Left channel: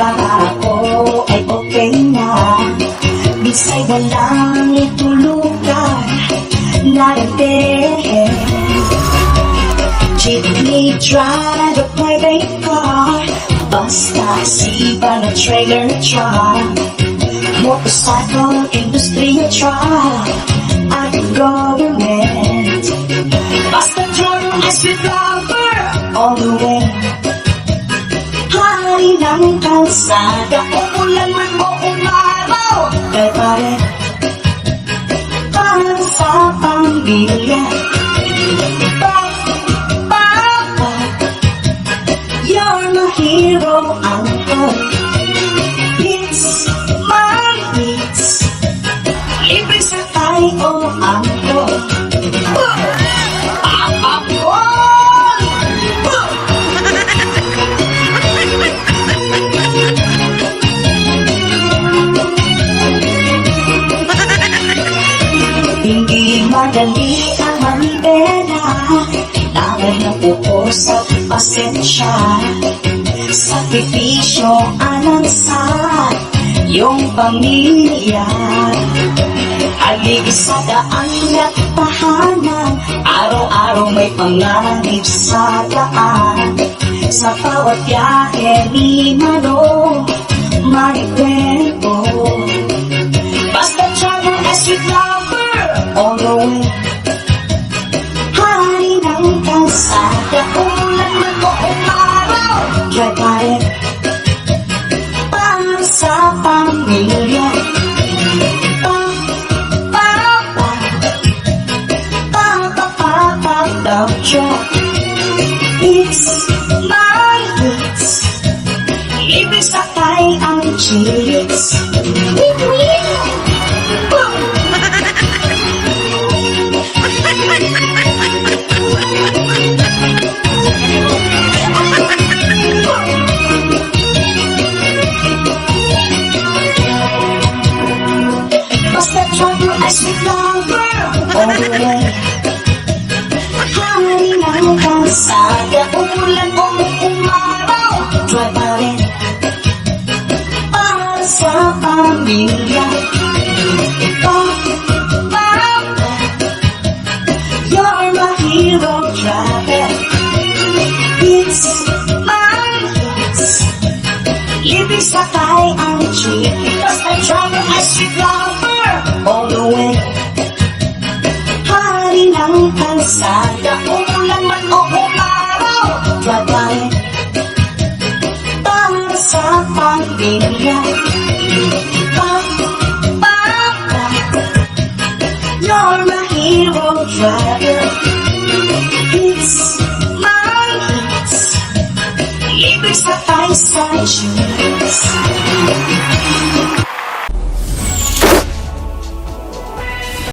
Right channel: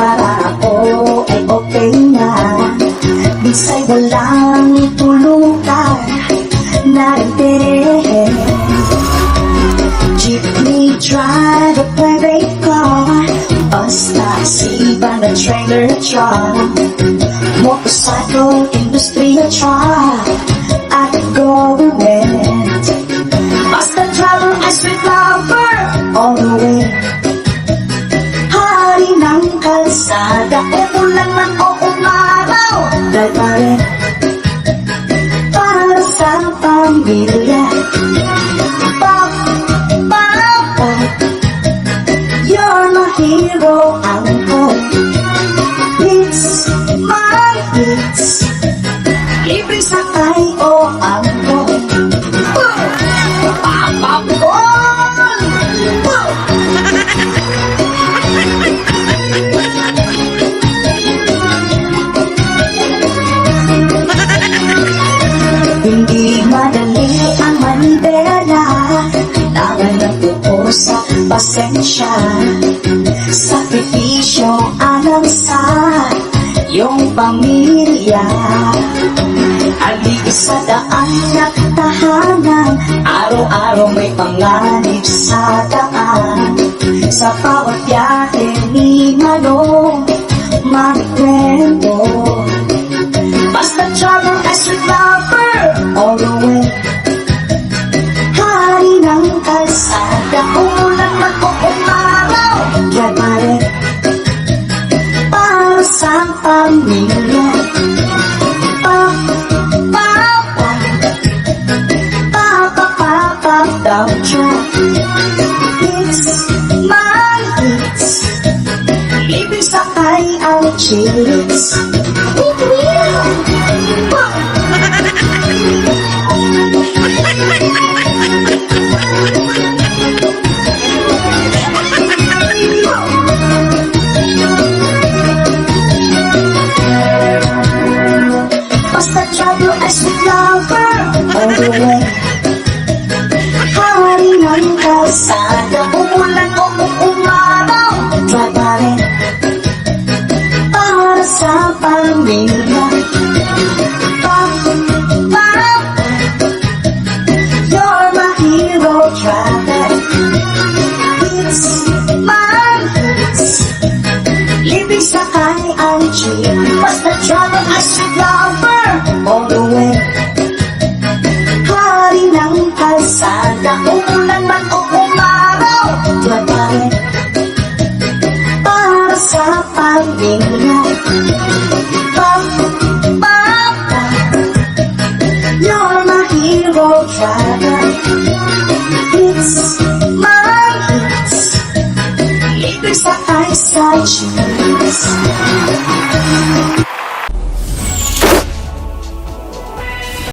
para ako ay okay na. Bisa'y walang itulukan na rin. Jeepney, drive a private car, bus, taxi, van, a trailer truck, motorcycle, industrial truck, at government. Basta driver ay sweet lover all the way. Hari ng kalsada, uulan man o umaraw, dahil pa rin para sa pamilya. Papa, you're my hero, uncle. It's my hits, libreng sakay o uncle. Hindi madali ang manibela, kailangan ng puos at pasensya. Sakripisyo alang sa iyong pamilya. Haligi sa daan at tahanan, araw-araw may panganib sa daan. Sa bawat biyahe ni Manong magkwento. Basta travel ay sweet lover all the way. Hari ng kalsada, umulan man o umaraw, drive pa rin para sa pamilya. Papa, down truck. It's my hits, libreng sakay ang chicks. Basta travel ay sweet lover all the way. Hari ng kalsada, umulan o umaraw, drive pa rin para sa pamilya. Papa, you're my hero, driver. It's my hits, libreng sakay ang jeep. Basta travel ay sweet lover all the way. Hari ng kalsada, umulan man o umaraw, drive pa rin para sa pamilya. Papa, you're my hero, driver. It's my hits, libreng sakay sa jeep.